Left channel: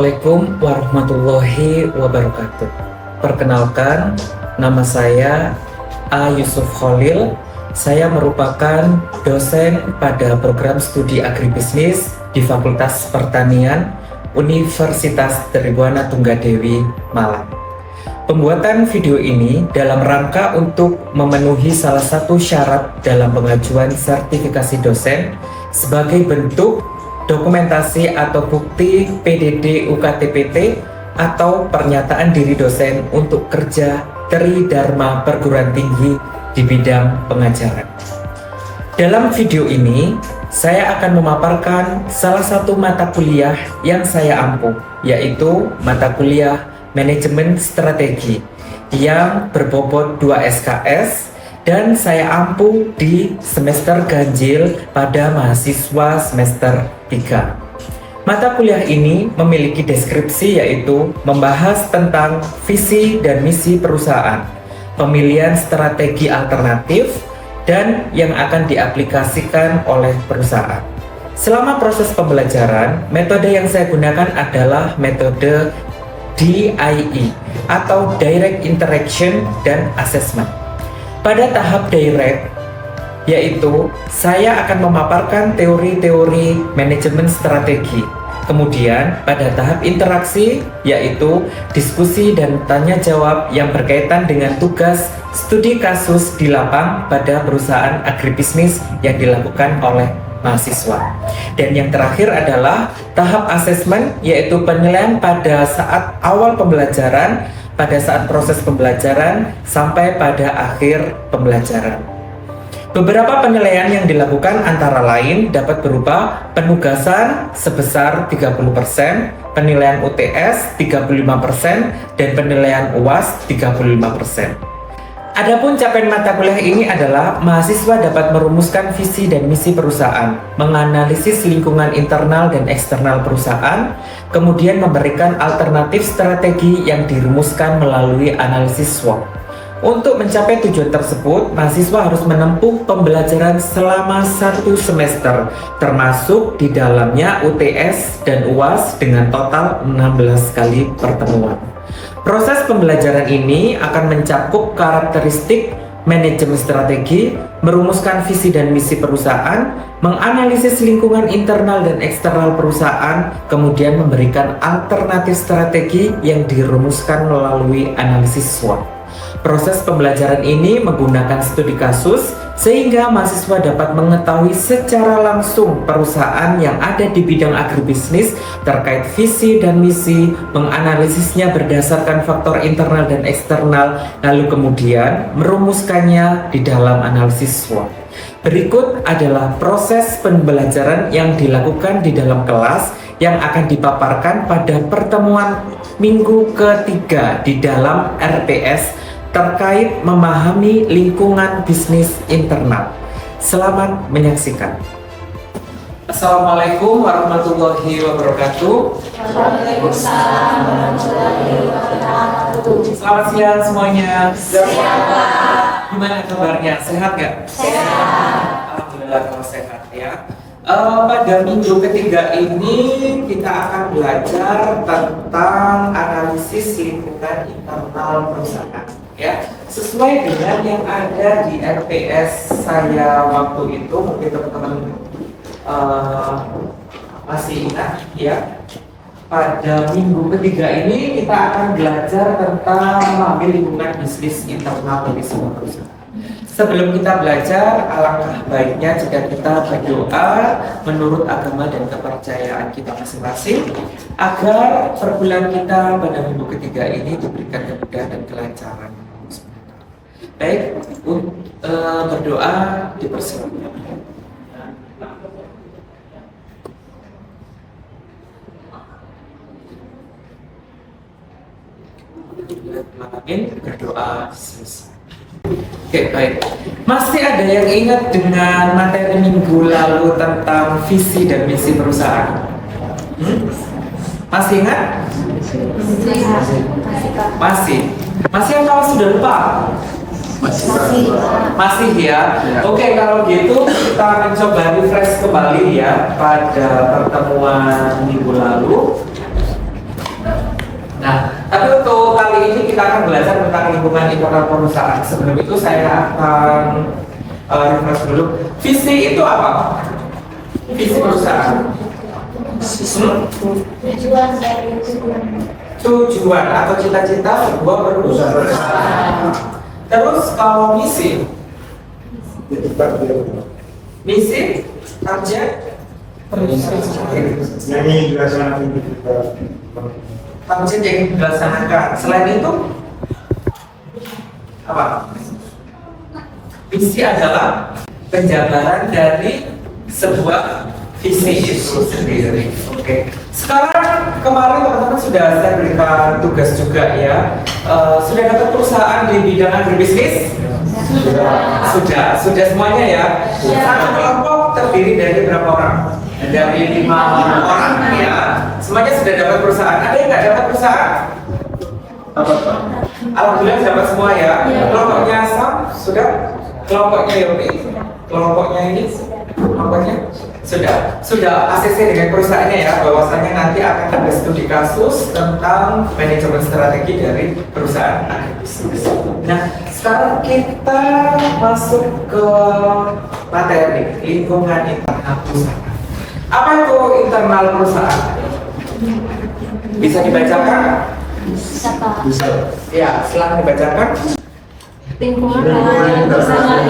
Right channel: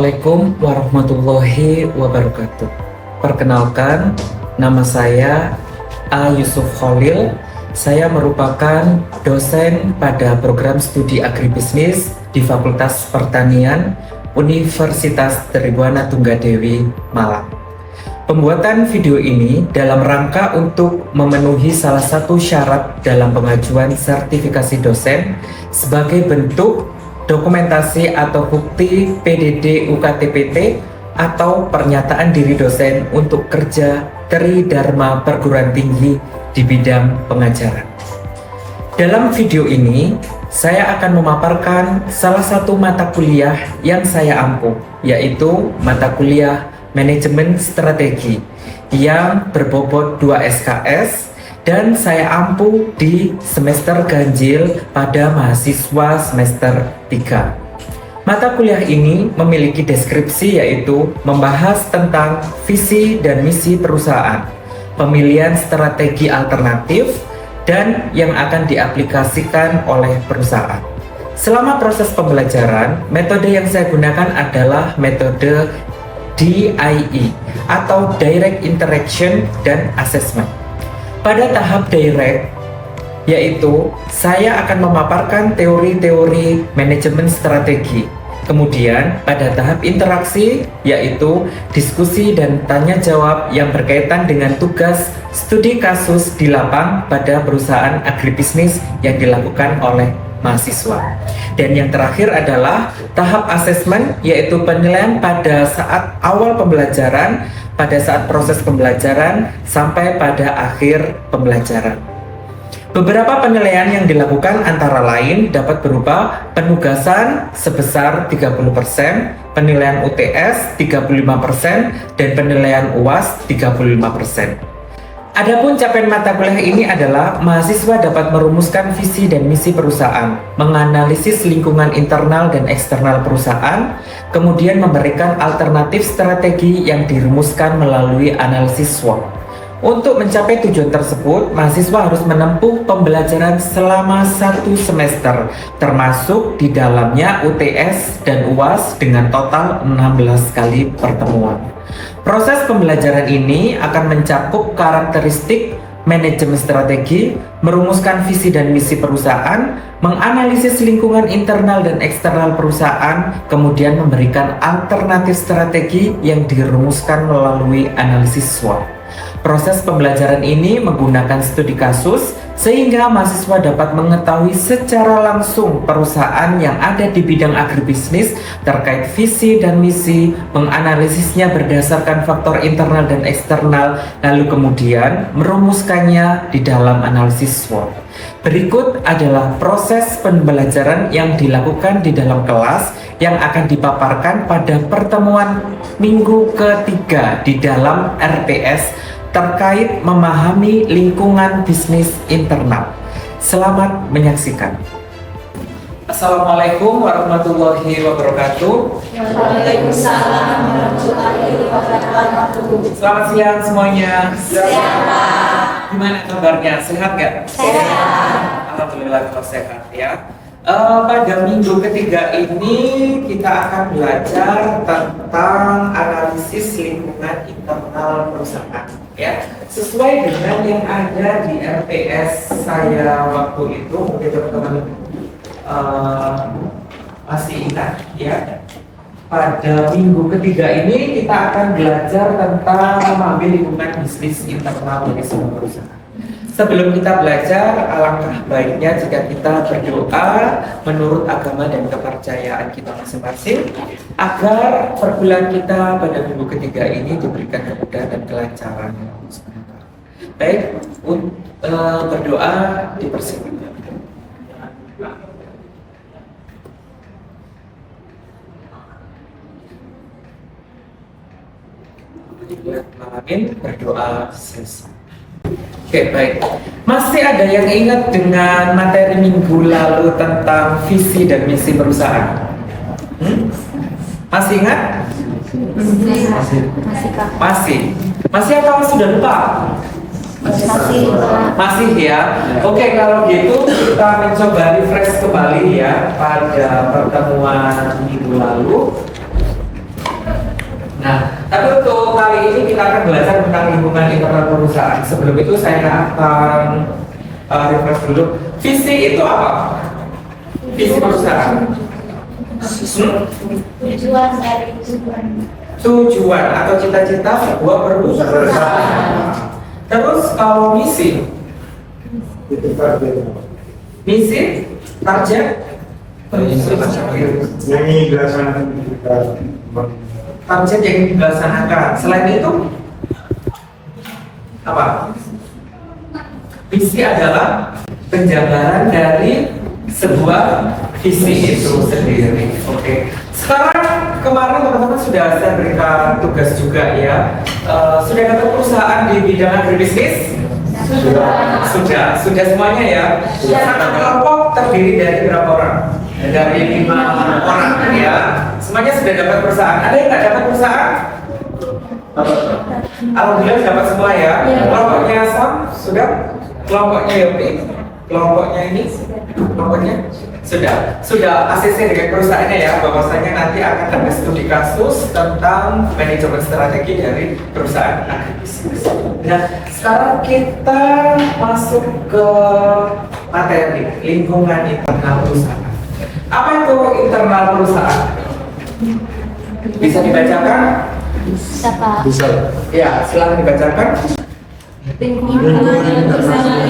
Assalamualaikum warahmatullahi wabarakatuh. Perkenalkan, nama saya A. Yusuf Khalil. Saya merupakan dosen pada program studi agribisnis di Fakultas Pertanian Universitas Tribhuwana Tunggadewi, Malang. Pembuatan video ini dalam rangka untuk memenuhi salah satu syarat dalam pengajuan sertifikasi dosen sebagai bentuk dokumentasi atau bukti PDD UKTPT atau pernyataan diri dosen untuk kerja Tri Dharma Perguruan Tinggi di bidang pengajaran. Dalam video ini, saya akan memaparkan salah satu mata kuliah yang saya ampuh, yaitu mata kuliah Manajemen Strategi yang berbobot 2 SKS dan saya ampuh di semester ganjil pada mahasiswa semester 3. Mata kuliah ini memiliki deskripsi yaitu membahas tentang visi dan misi perusahaan, pemilihan strategi alternatif, dan yang akan diaplikasikan oleh perusahaan. Selama proses pembelajaran, metode yang saya gunakan adalah metode DIE atau Direct Interaction dan Assessment. Pada tahap direct, yaitu saya akan memaparkan teori-teori manajemen strategi. Kemudian pada tahap interaksi, yaitu diskusi dan tanya jawab yang berkaitan dengan tugas studi kasus di lapang pada perusahaan agribisnis yang dilakukan oleh mahasiswa. Dan yang terakhir adalah tahap asesmen, yaitu penilaian pada saat awal pembelajaran, pada saat proses pembelajaran, sampai pada akhir pembelajaran. Beberapa penilaian yang dilakukan antara lain dapat berupa penugasan sebesar 30%, penilaian UTS 35%, dan penilaian UAS 35%. Adapun capaian mata kuliah ini adalah mahasiswa dapat merumuskan visi dan misi perusahaan, menganalisis lingkungan internal dan eksternal perusahaan, kemudian memberikan alternatif strategi yang dirumuskan melalui analisis SWOT. Untuk mencapai tujuan tersebut, mahasiswa harus menempuh pembelajaran selama 1 semester, termasuk di dalamnya UTS dan UAS dengan total 16 kali pertemuan. Proses pembelajaran ini akan mencakup karakteristik manajemen strategi, merumuskan visi dan misi perusahaan, menganalisis lingkungan internal dan eksternal perusahaan, kemudian memberikan alternatif strategi yang dirumuskan melalui analisis SWOT. Proses pembelajaran ini menggunakan studi kasus sehingga mahasiswa dapat mengetahui secara langsung perusahaan yang ada di bidang agribisnis terkait visi dan misi, menganalisisnya berdasarkan faktor internal dan eksternal, lalu kemudian merumuskannya di dalam analisis SWOT. Berikut adalah proses pembelajaran yang dilakukan di dalam kelas yang akan dipaparkan pada pertemuan minggu ketiga di dalam RPS terkait memahami lingkungan bisnis internal. Selamat menyaksikan. Assalamualaikum warahmatullahi wabarakatuh. Waalaikumsalam warahmatullahi wabarakatuh. Selamat siang semuanya. Sehat. Gimana kabarnya? Sehat nggak? Sehat. Alhamdulillah kalau sehat ya. Pada minggu ketiga ini kita akan belajar tentang analisis lingkungan internal perusahaan ya. Sesuai dengan yang ada di RPS saya waktu itu, mungkin teman-teman masih ingat ya. Pada minggu ketiga ini kita akan belajar tentang memahami lingkungan bisnis internal dari sebuah perusahaan. Sebelum kita belajar, alangkah baiknya jika kita berdoa menurut agama dan kepercayaan kita masing-masing agar perkuliahan kita pada minggu ketiga ini diberikan kemudahan dan kelancaran. Baik, berdoa dipersilakan. Amin, berdoa selesai. Oke, baik. Masih ada yang ingat dengan materi minggu lalu tentang visi dan misi perusahaan? Masih ingat? Masih atau sudah lupa? Masih ya. Oke, kalau gitu kita mencoba refresh kembali ya pada pertemuan minggu lalu. Nah, tapi untuk kali ini kita akan belajar tentang lingkungan internal perusahaan. Sebelum itu saya akan refresh dulu. Visi itu apa? Visi perusahaan. Tujuan dari tujuan. Tujuan atau cita-cita sebuah perusahaan. Terus kalau misi, misi, target, target yang dilaksanakan. Selain itu apa? Visi adalah penjabaran dari sebuah visi itu sendiri. Oke. Sekarang kemarin teman-teman sudah saya berikan tugas juga ya. Sudah dapat perusahaan di bidang agribisnis? Sudah semuanya ya. Satu kelompok terdiri dari berapa orang? Dari 5 orang ya. Semuanya sudah dapat perusahaan. Ada yang nggak dapat perusahaan? Alhamdulillah dapat semua ya. Kelompoknya Sam sudah. Kelompoknya Yopi. Kelompoknya ini. Kelompoknya sudah ACC dengan perusahaannya ya, bahwasanya nanti akan ada studi kasus tentang manajemen strategi dari perusahaan agribisnis. Nah, sekarang kita masuk ke materi lingkungan internal perusahaan. Apa itu internal perusahaan? Bisa dibacakan? Bisa. Ya, silakan dibacakan. Lingkungan bersama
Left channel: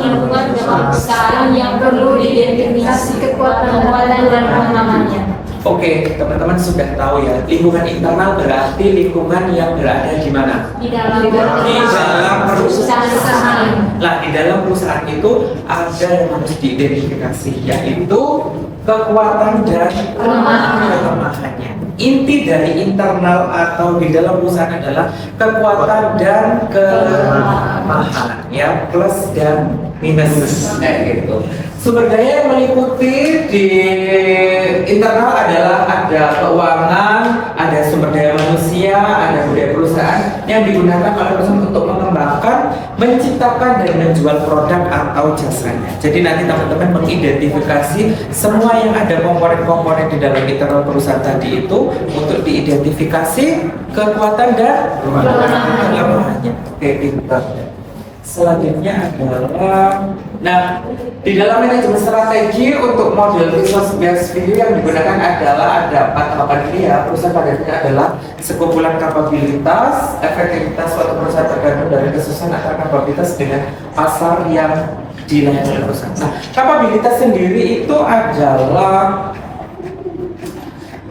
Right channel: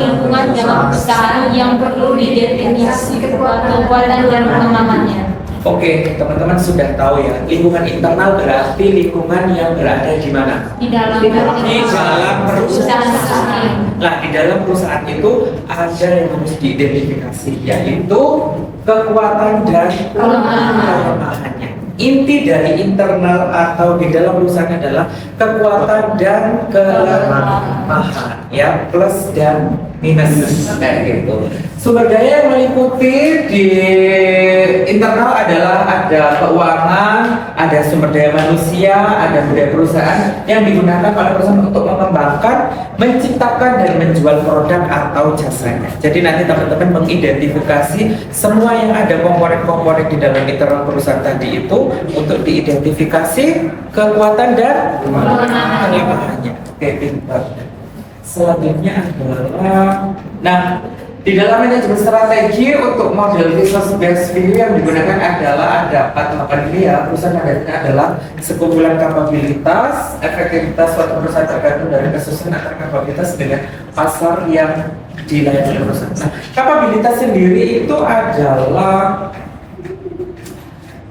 lingkungan dalam perusahaan yang perlu diidentifikasi kekuatan dan kelemahannya. Oke, teman-teman sudah tahu ya, lingkungan internal berarti lingkungan yang berada di mana? Di dalam perusahaan. Nah, di dalam perusahaan itu ada yang harus diidentifikasi, yaitu kekuatan dan kelemahannya. Inti dari internal atau di dalam perusahaan adalah kekuatan dan kelemahan, ya, plus dan minus, kayak gitu. Sumber daya yang meliputi di internal adalah ada keuangan, ada sumber daya manusia, ada budaya perusahaan yang digunakan oleh perusahaan untuk mengembangkan, menciptakan dan menjual produk atau jasanya. Jadi nanti teman-teman mengidentifikasi semua yang ada komponen-komponen di dalam internal perusahaan tadi itu untuk diidentifikasi kekuatan dan kelemahannya. Oke, pintar. Selanjutnya adalah, nah, di dalam manajemen strategi untuk model resource based value yang digunakan adalah ada 4 tahapan ini ya. Perusahaan pada akhirnya adalah sekumpulan kapabilitas, efektivitas suatu perusahaan tergantung dari kesusahan antara kapabilitas dengan pasar yang dilayani perusahaan. Nah, kapabilitas sendiri itu adalah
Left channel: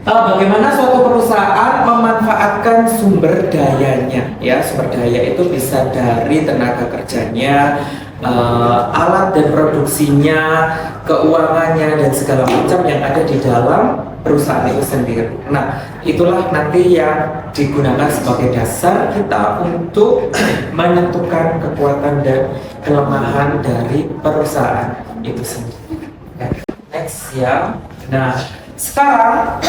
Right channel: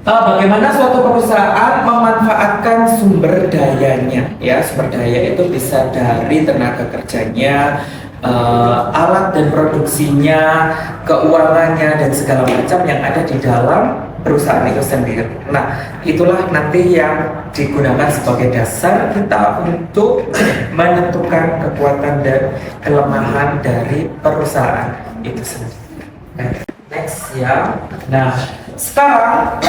bagaimana suatu perusahaan memanfaatkan sumber dayanya, ya. Sumber daya itu bisa dari tenaga kerjanya, alat dan produksinya, keuangannya dan segala macam yang ada di dalam perusahaan itu sendiri. Nah, itulah nanti yang digunakan sebagai dasar kita untuk menentukan kekuatan dan kelemahan dari perusahaan itu sendiri. Next ya. Nah, sekarang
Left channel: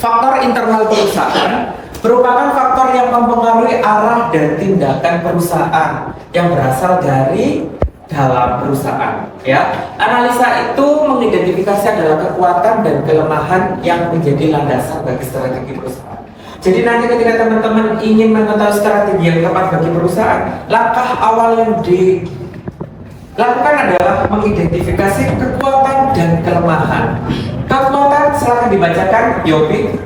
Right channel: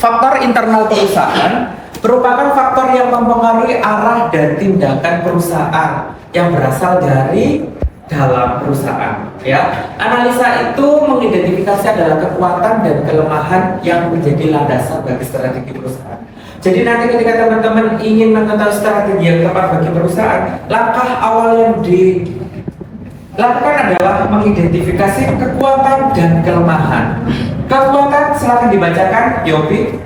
faktor internal perusahaan merupakan faktor yang mempengaruhi arah dan tindakan perusahaan yang berasal dari dalam perusahaan, ya. Analisa itu mengidentifikasi adalah kekuatan dan kelemahan yang menjadi landasan bagi strategi perusahaan. Jadi nanti ketika teman-teman ingin mengetahui strategi yang tepat bagi perusahaan, langkah awal yang dilakukan adalah mengidentifikasi kekuatan dan kelemahan. Kekuatan silakan dibacakan, Yopi.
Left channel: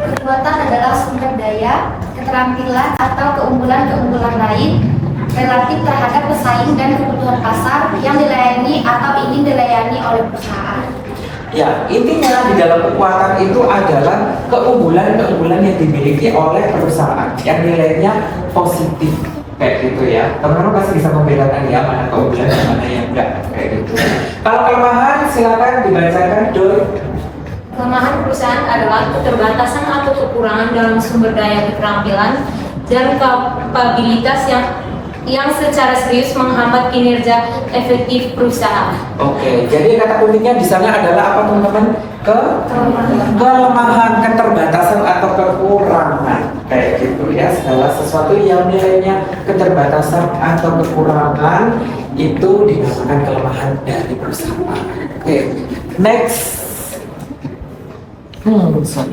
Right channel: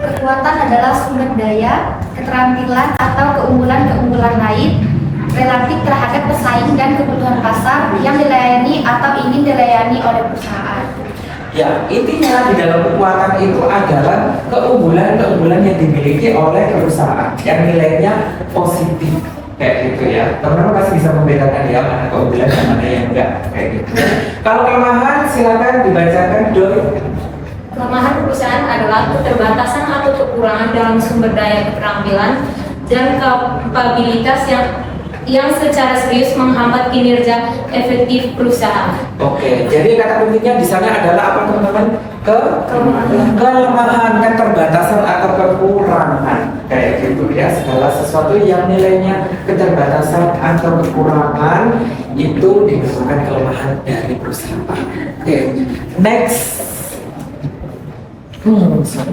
Kekuatan adalah sumber daya, keterampilan atau keunggulan-keunggulan lain relatif terhadap pesaing dan kebutuhan pasar yang dilayani atau ingin dilayani oleh perusahaan. Ya, intinya di dalam kekuatan itu adalah keunggulan-keunggulan yang dimiliki oleh perusahaan yang nilainya positif, kayak gitu ya. Teman-teman pasti bisa membedakan ya mana keunggulan dan mana yang enggak, kayak gitu. Kalau kelemahan silakan dibacakan, Doi. Kelemahan perusahaan adalah keterbatasan atau kekurangan dalam sumber daya keterampilan dan kapabilitas yang secara serius menghambat kinerja efektif perusahaan. Oke, jadi kata kuncinya di sana adalah apa teman-teman? Kelemahan, keterbatasan atau kekurangan, kayak gitu ya. Segala sesuatu yang nilainya keterbatasan atau kekurangan itu dinamakan kelemahan dari perusahaan. Oke, next. Sorry.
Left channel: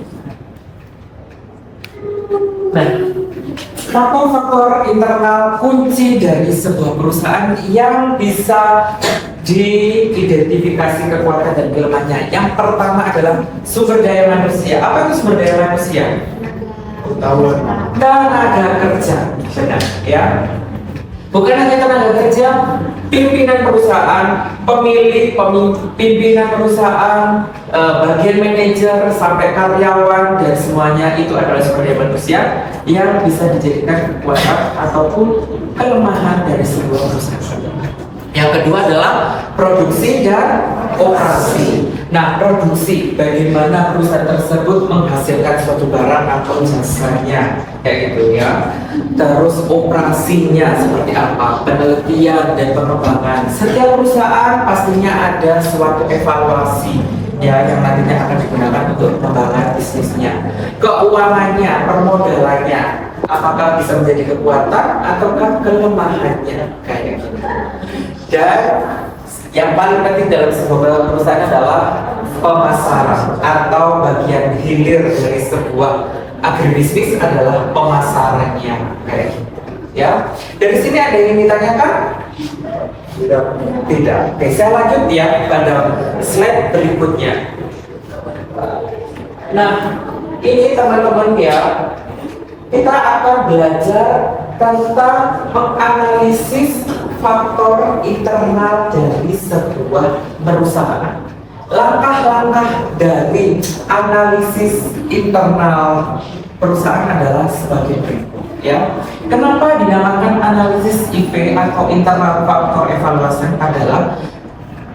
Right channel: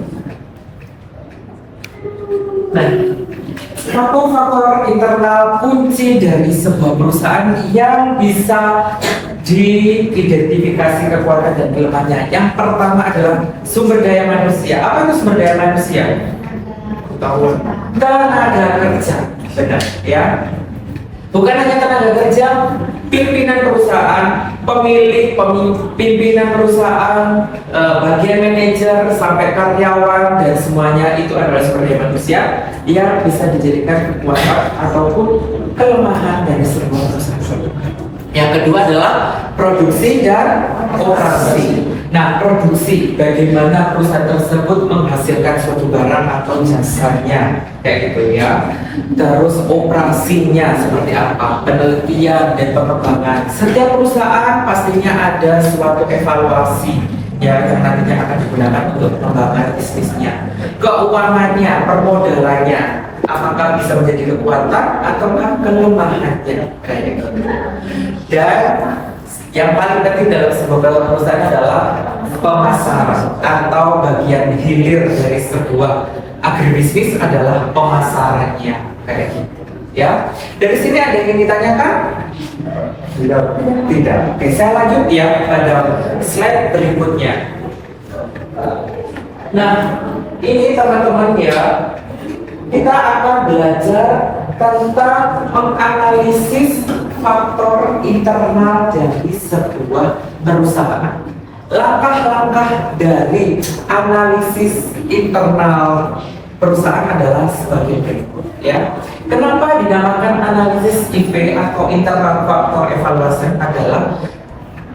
Nah, faktor-faktor internal kunci dari sebuah perusahaan yang bisa diidentifikasi kekuatan dan kelemahannya. Yang pertama adalah sumber daya manusia. Apa itu sumber daya manusia? Tenaga kerja, benar ya. Bukan hanya tenaga kerja, pimpinan perusahaan, pimpinan perusahaan, bagian manajer sampai karyawan dan semuanya itu adalah sumber daya manusia yang bisa dijadikan kekuatan ataupun kelemahan dari sebuah perusahaan. Yang kedua adalah produksi dan operasi. Nah, produksi, bagaimana perusahaan tersebut menghasilkan suatu barang atau jasanya, kayak gitu ya. Terus operasinya seperti apa, penelitian dan pengembangan. Setiap perusahaan pastinya ada suatu evaluasi ya yang nantinya akan digunakan untuk pengembangan bisnisnya. Keuangannya, permodalannya, apakah bisa menjadi kekuatan ataukah kelemahannya, kayak gitu. Dan yang paling penting dalam sebuah perusahaan adalah pemasaran atau bagian hilir dari sebuah agribisnis adalah pemasarannya, kayak gitu ya. Dari sini ada yang ditanyakan? Tidak. Oke, saya lanjut ya pada slide berikutnya. Nah, ini teman-teman ya, kita akan belajar tentang menganalisis faktor internal dari sebuah perusahaan. Langkah-langkah dari analisis internal perusahaan adalah sebagai berikut ya. Kenapa dinamakan analisis IV atau internal faktor evaluasi? Adalah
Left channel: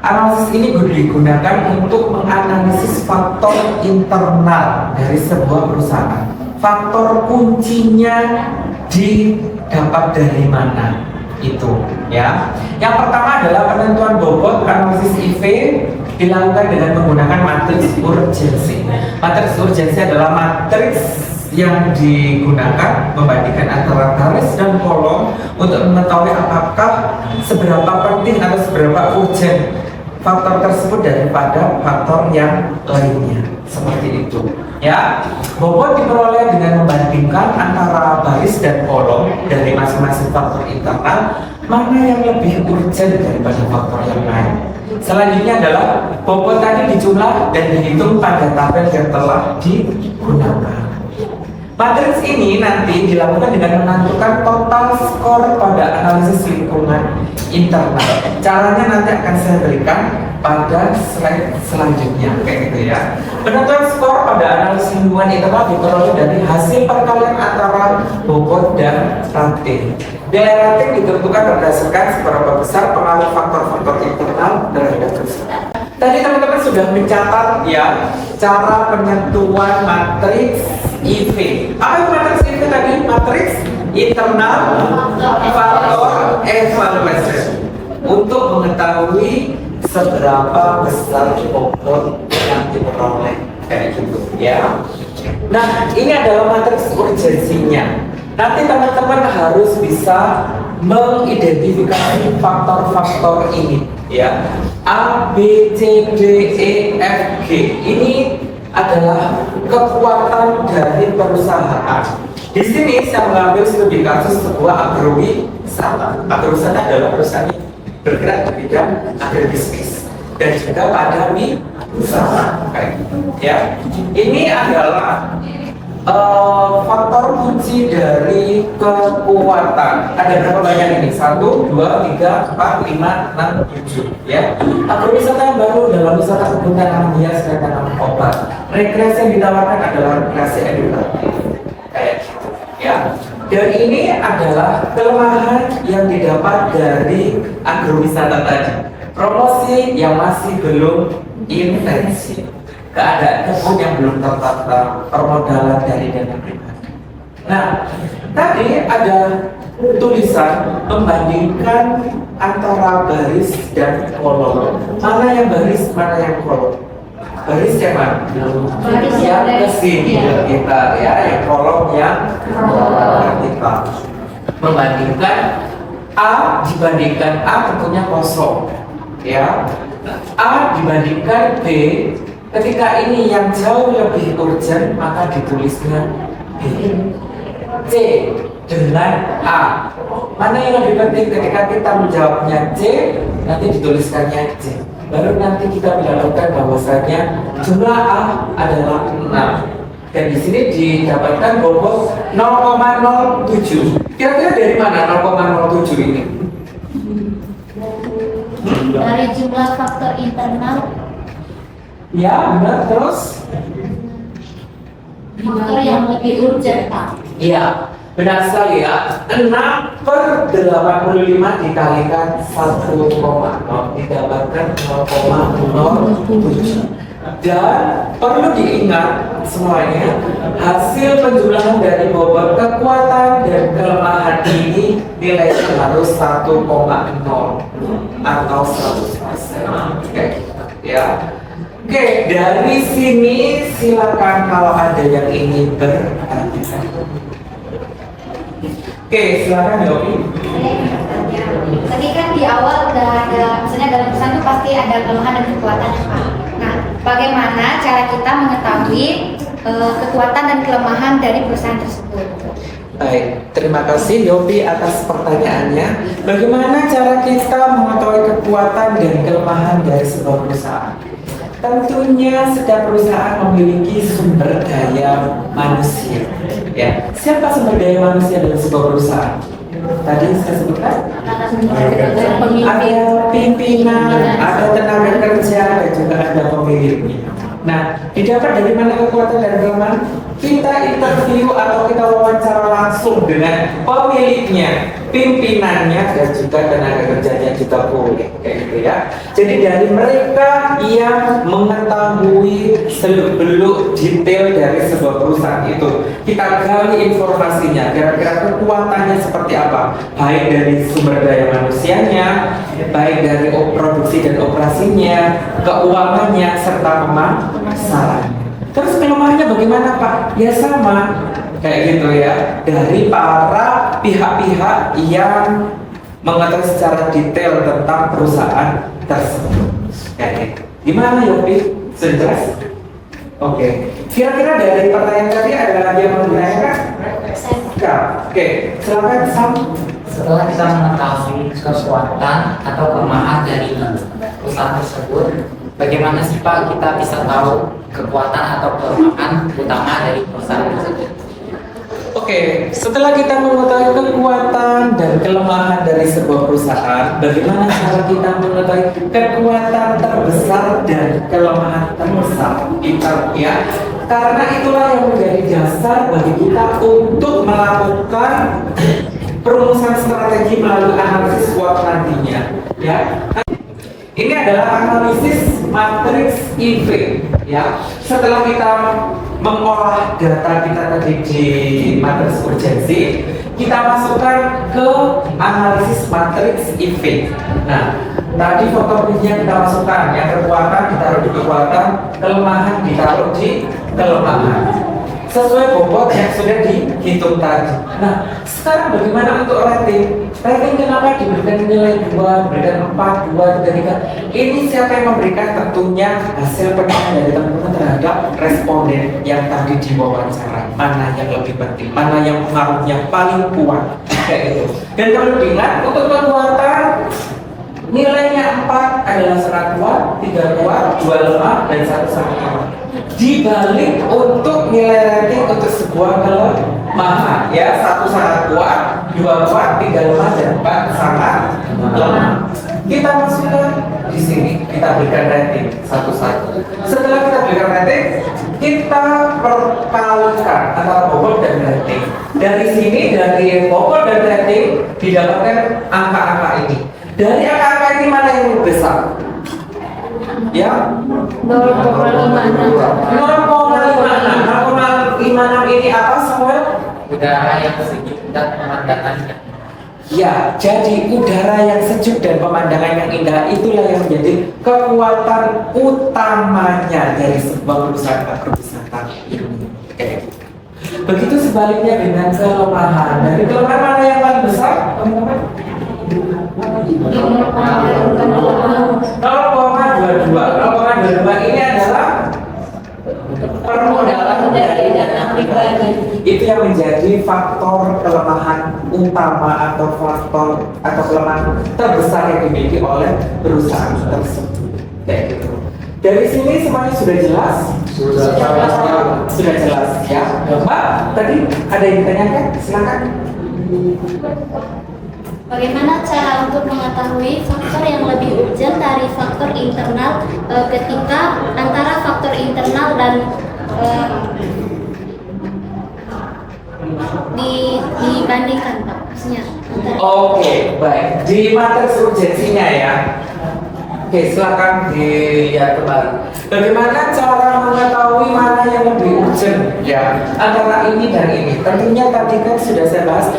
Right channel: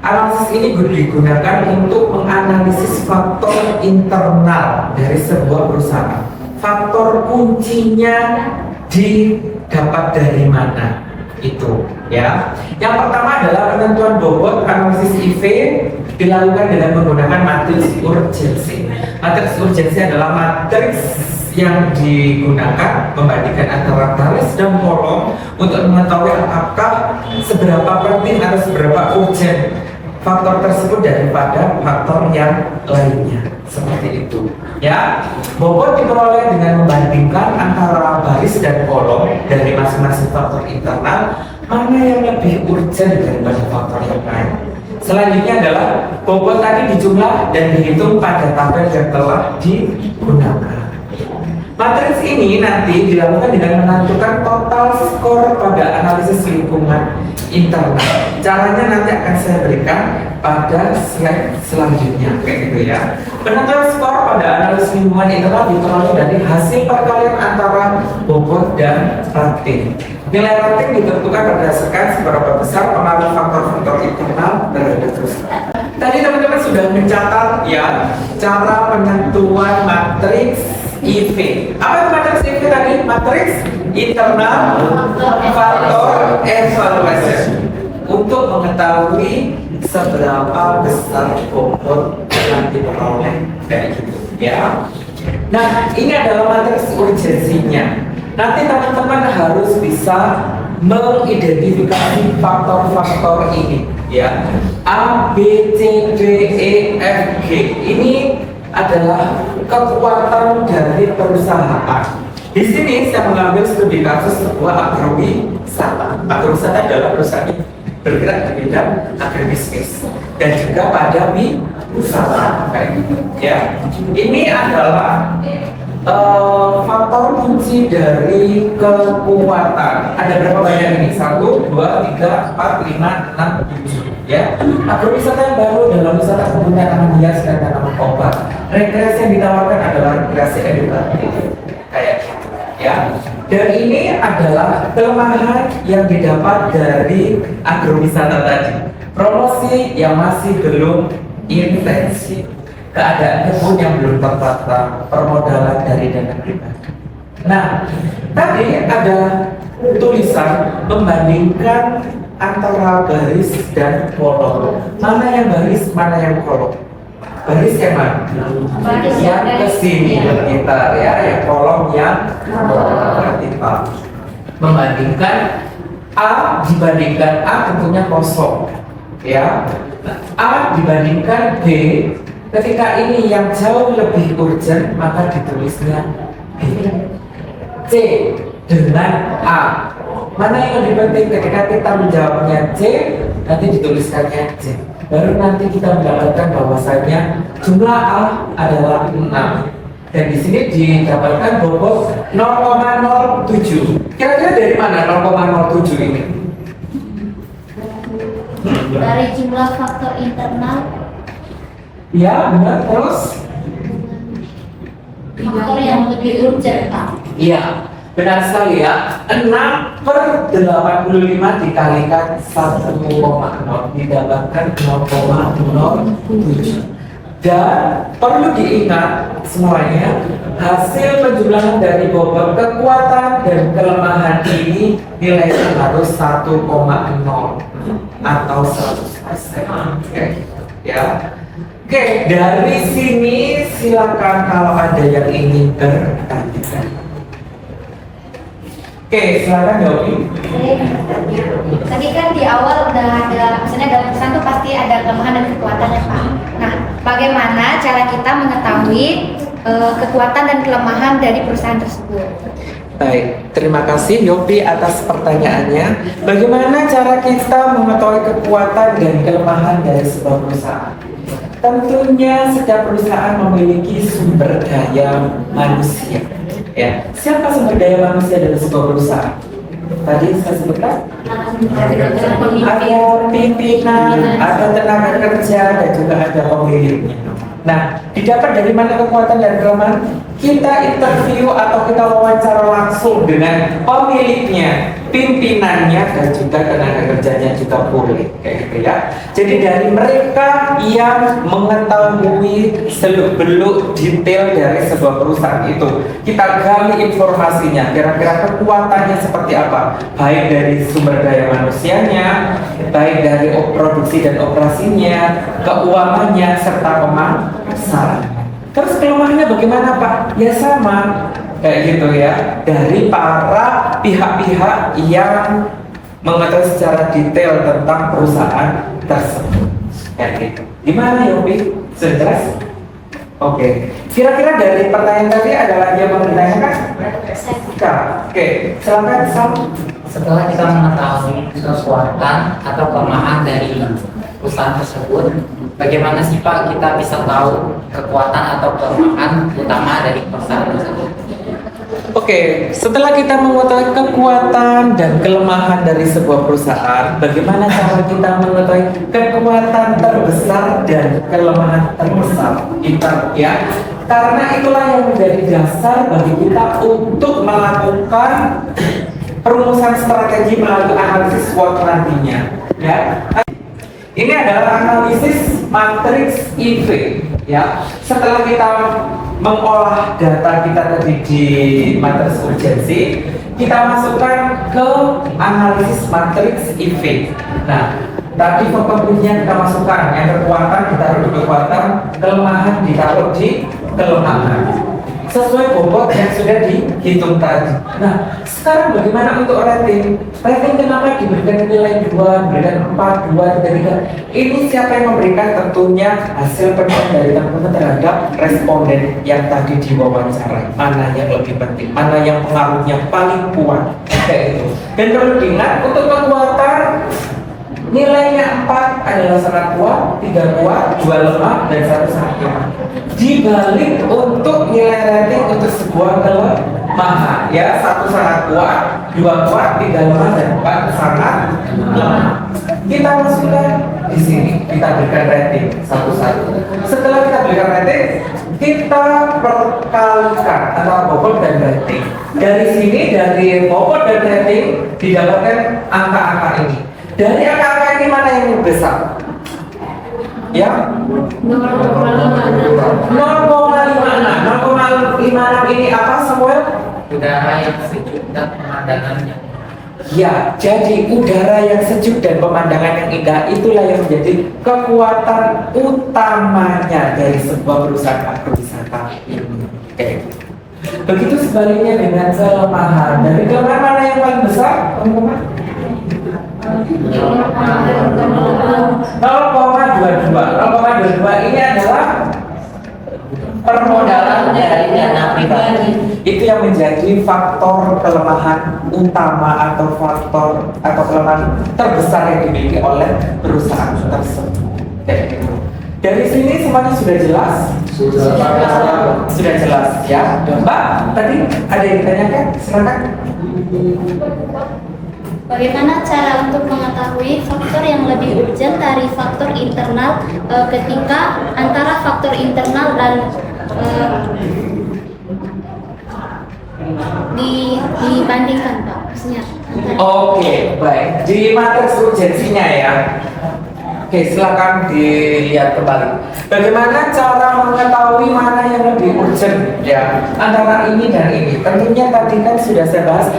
analisis ini digunakan untuk menganalisis faktor internal dari sebuah perusahaan. Faktor kuncinya didapat dari mana? Itu ya. Yang pertama adalah penentuan bobot. Analisis IV dilakukan dengan menggunakan matriks urgensi. Matriks urgensi adalah matriks yang digunakan membandingkan antara baris dan kolom untuk mengetahui apakah seberapa penting atau seberapa urgent faktor tersebut daripada faktor yang lainnya, seperti itu ya. Bobot diperoleh dengan membandingkan antara baris dan kolom dari masing-masing faktor internal, mana yang lebih urgent daripada faktor yang lain. Selanjutnya adalah bobot tadi dijumlah dan dihitung pada tabel yang telah digunakan. Matriks ini nanti dilakukan dengan menentukan total skor pada analisis lingkungan internal. Caranya nanti akan saya berikan pada slide selanjutnya, kayak gitu ya. Penentuan skor pada analisis lingkungan internal diperoleh dari hasil perkalian antara bobot dan rating. Nilai rating ditentukan berdasarkan seberapa besar pengaruh faktor-faktor internal terhadap perusahaan. Tadi teman-teman sudah mencatat ya cara penentuan matriks IV. Apa itu matriks IV tadi? Matriks internal faktor evaluasi untuk mengetahui seberapa besar bobot yang diperoleh, kayak gitu ya. Nah, ini adalah matriks urgensinya. Nanti teman-teman harus bisa mengidentifikasi faktor-faktor ini ya. A, B, C, D, E, F, G. Ini adalah kekuatan dari perusahaan. Di sini saya mengambil studi kasus sebuah agrowisata. Agrowisata adalah perusahaan yang bergerak di bidang agribisnis dan juga pada wisata, kayak gitu ya. Ini adalah faktor kunci dari kekuatan. Ada berapa banyak ini? 1, 2, 3, 4, 5, 6, 7 ya. Agrowisata yang baru dalam wisata kebun tanaman hias dan tanaman obat. Rekreasi yang ditawarkan adalah rekreasi edukatif, kayak gitu ya. Dan ini adalah kelemahan yang didapat dari agrowisata tadi. Promosi yang masih belum intensif, keadaan kebun yang belum tertata, permodalan dari dana pribadi. Nah, tadi ada tulisan membandingkan antara baris dan kolom. Mana yang baris, mana yang kolom? Baris yang mana? Baris yang kesini kita ya, yang kolom yang kita. Membandingkan A dibandingkan A tentunya kosong ya. A dibandingkan B, ketika ini yang jauh lebih urgent maka ditulisnya B. C dengan A. Mana yang lebih penting ketika kita menjawabnya C, nanti dituliskannya C. Baru nanti kita mendapatkan bahwasanya jumlah A adalah 6. Dan di sini didapatkan bobot 0,07. Kira-kira dari mana 0,07 ini? Dari jumlah faktor internal, Ya, benar. Terus? faktor yang lebih urgent, Pak. Iya, benar sekali ya. 6/85 dikalikan 1,0 didapatkan 0,07. Dan perlu diingat semuanya, hasil penjumlahan dari bobot kekuatan dan kelemahan ini nilainya harus 1,0 atau 100%. Oke, ya. Oke, dari sini silakan kalau ada yang ingin bertanya. Oke, silakan Yogi. Tadi kan di awal udah ada, misalnya dalam perusahaan tuh pasti ada kelemahan dan kekuatan ya Pak. Nah, bagaimana cara kita mengetahui kekuatan dan kelemahan dari perusahaan tersebut? Baik, terima kasih Yopi atas pertanyaannya. Bagaimana cara kita mengetahui kekuatan dan kelemahan dari sebuah perusahaan? Tentunya setiap perusahaan memiliki sumber daya manusia. Ya, siapa sumber daya manusia dalam sebuah perusahaan? Tadi saya sebutkan ada pimpinan, ada tenaga kerja, dan juga ada pemiliknya. Nah, didapat dari mana kekuatan dan kelemahan? Kita interview atau kita wawancara langsung dengan pemiliknya, pimpinannya, dan juga tenaga kerjanya juga boleh, kayak gitu ya. Jadi dari mereka yang mengetahui seluk-beluk detail dari sebuah perusahaan itu, kita gali informasinya, kira-kira kekuatannya seperti apa, baik dari sumber daya manusianya, baik dari produksi dan operasinya, keuangannya, serta pemasaran. Terus kelemahannya bagaimana Pak? Ya sama, kayak gitu ya, dari para pihak-pihak yang mengetahui secara detail tentang perusahaan tersebut. Kayak gitu. Gimana Yopi? Sudah jelas? Oke. Kira-kira dari pertanyaan tadi ada lagi yang mau ditanyakan? Oke, silakan Sam. Setelah kita mengetahui kekuatan atau kelemahan dari perusahaan tersebut, bagaimana sih Pak kita bisa tahu kekuatan atau kelemahan utama dari perusahaan tersebut? Oke, setelah kita mengetahui kekuatan dan kelemahan dari sebuah perusahaan, bagaimana cara kita mengetahui kekuatan terbesar dan kelemahan terbesar kita ya? Karena itulah yang menjadi dasar bagi kita untuk melakukan perumusan strategi melalui analisis SWOT nantinya ya. Ini adalah analisis matriks IV ya. Setelah kita mengolah data kita tadi di matriks urgensi, kita masukkan ke analisis matriks IV. Nah, tadi faktor kunci kita masukkan, yang kekuatan ditaruh di kekuatan, kelemahan ditaruh di kelemahan, sesuai bobot yang sudah dihitung tadi. Nah, sekarang bagaimana untuk rating? Rating kenapa diberikan nilai 2, diberikan 4, 2, 3? Ini siapa yang memberikan? Tentunya hasil penilaian dari teman-teman terhadap responden yang tadi diwawancara. Mana yang lebih penting? Mana yang pengaruhnya paling kuat? Kayak gitu. Dan perlu diingat, untuk kekuatan nilainya 4 adalah sangat kuat, 3 kuat, 2 lemah, dan 1 sangat lemah. Dibalik untuk nilai rating untuk sebuah kelemahan, ya, 1 sangat kuat, 2 kuat, 3 lemah, dan 4 sangat lemah. Kita masukkan di sini, kita berikan rating satu-satu. Setelah kita berikan rating, kita perkalikan antara bobot dan rating. Dari sini, dari bobot dan rating didapatkan angka-angka ini. Dari angka-angka ini mana yang lebih besar? Ya, 0,56 ini apa Samuel? Udara yang sejuk dan pemandangannya. Ya, jadi udara yang sejuk dan pemandangan yang indah itulah yang menjadi kekuatan utamanya dari sebuah perusahaan agrowisata ini. Oke. Begitu sebaliknya dengan kelemahan. Dari kelemahan mana yang paling besar, teman-teman? 0,22 ini adalah permodalan dari dana pribadi. Itu yang menjadi faktor kelemahan utama atau faktor atau kelemahan terbesar yang dimiliki oleh perusahaan tersebut. Kayak gitu. Dari sini semuanya sudah jelas? Sudah jelas ya. Mbak, tadi ada yang ditanyakan? Silakan. Bagaimana cara untuk mengetahui faktor yang lebih urgent dari faktor internal ketika antara faktor internal dan dibandingkan, Pak? Maksudnya antara. Oke, baik. Di matriks urgensinya ya. Oke, silakan dilihat kembali. Bagaimana cara mengetahui mana yang lebih urgent ya antara ini dan ini? Tentunya tadi kan sudah saya bahas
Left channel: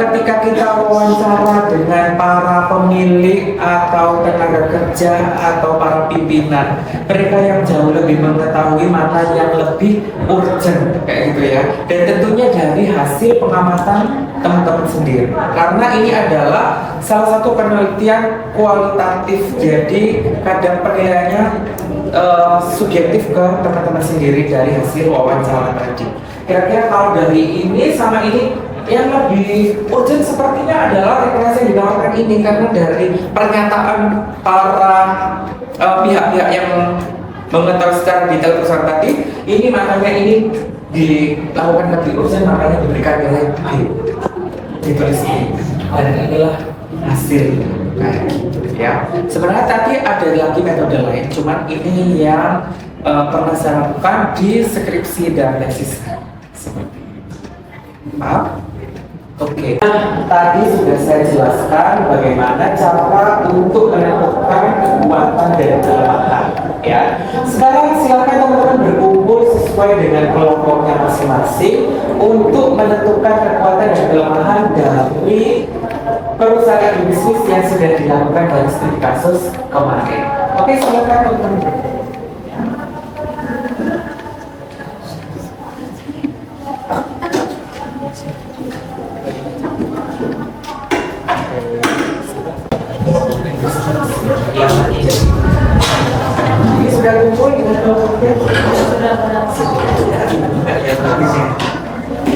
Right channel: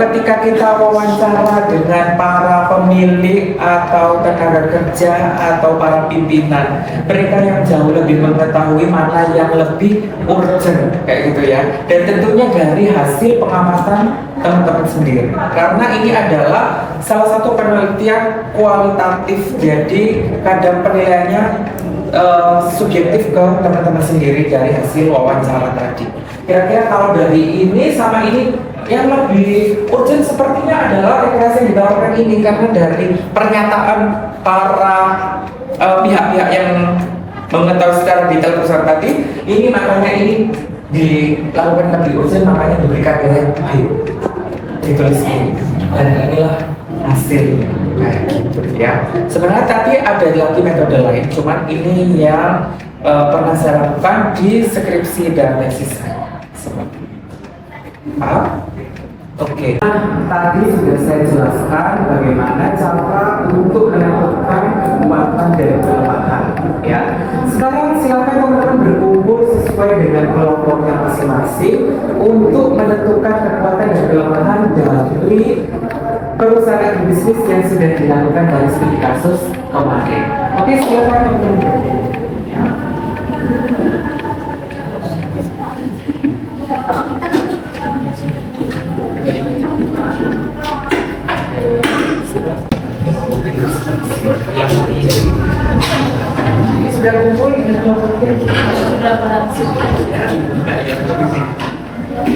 ketika kita wawancara dengan para pemilik atau tenaga kerja atau para pimpinan, mereka yang jauh lebih mengetahui mana yang lebih urgent kayak gitu ya. Dan tentunya dari hasil pengamatan teman-teman sendiri, karena ini adalah salah satu penelitian kualitatif, jadi kadang penilaiannya subjektif ke teman-teman sendiri dari hasil wawancara tadi. Kira-kira kalau dari ini sama ini yang lebih urgent sepertinya adalah rekreasi yang ditawarkan ini, karena dari pernyataan para pihak-pihak yang mengetahui secara detail perusahaan tadi, ini makanya ini dilakukan lebih urgent, makanya diberikan nilai B. Ditulis ini, dan inilah hasil kayak gitu ya. Sebenarnya tadi ada lagi metode lain, cuman ini yang pernah saya lakukan di skripsi dan tesis saya. Seperti paham? Oke. Nah, tadi sudah saya jelaskan bagaimana cara untuk menentukan kekuatan dan kelemahan ya. Sekarang silakan teman-teman berkumpul sesuai dengan kelompoknya masing-masing untuk menentukan kekuatan dan kelemahan dari perusahaan bisnis yang sudah dilakukan dari studi kasus kemarin. Oke, silakan teman-teman. Ini sudah kumpul dengan kelompoknya?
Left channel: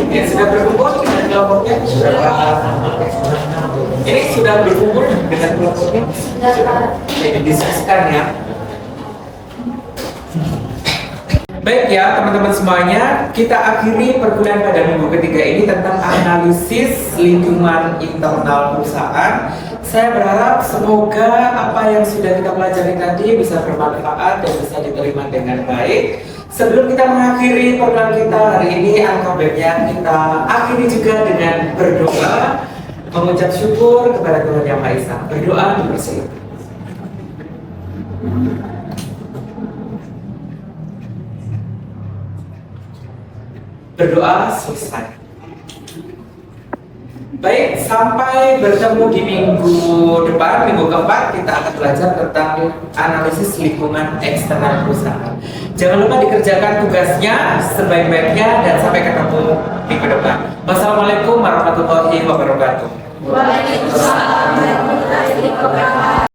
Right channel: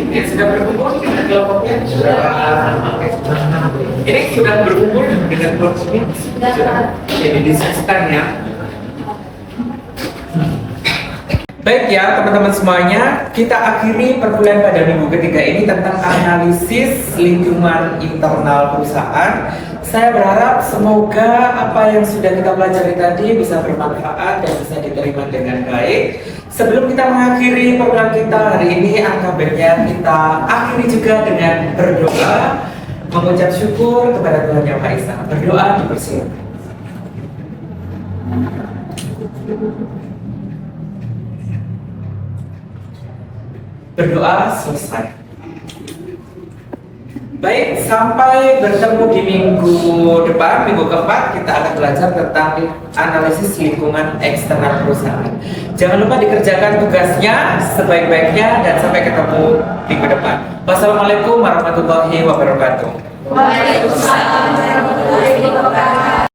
Ini sudah berkumpul dengan kelompoknya? Ini sudah berkumpul dengan kelompoknya? Jadi diskusikan ya. Baik ya teman-teman semuanya, kita akhiri perkuliahan pada minggu ketiga ini tentang analisis lingkungan internal perusahaan. Saya berharap semoga apa yang sudah kita pelajari tadi bisa bermanfaat dan bisa diterima dengan baik. Sebelum kita mengakhiri program kita hari ini, alangkah baiknya kita akhiri juga dengan berdoa, mengucap syukur kepada Tuhan Yang Maha Esa. Berdoa dipersilakan. Berdoa selesai. Baik, sampai bertemu di minggu depan, minggu keempat kita akan belajar tentang analisis lingkungan eksternal perusahaan. Jangan lupa dikerjakan tugasnya sebaik-baiknya dan sampai ketemu minggu depan. Wassalamualaikum warahmatullahi wabarakatuh. Waalaikumsalam warahmatullahi wabarakatuh.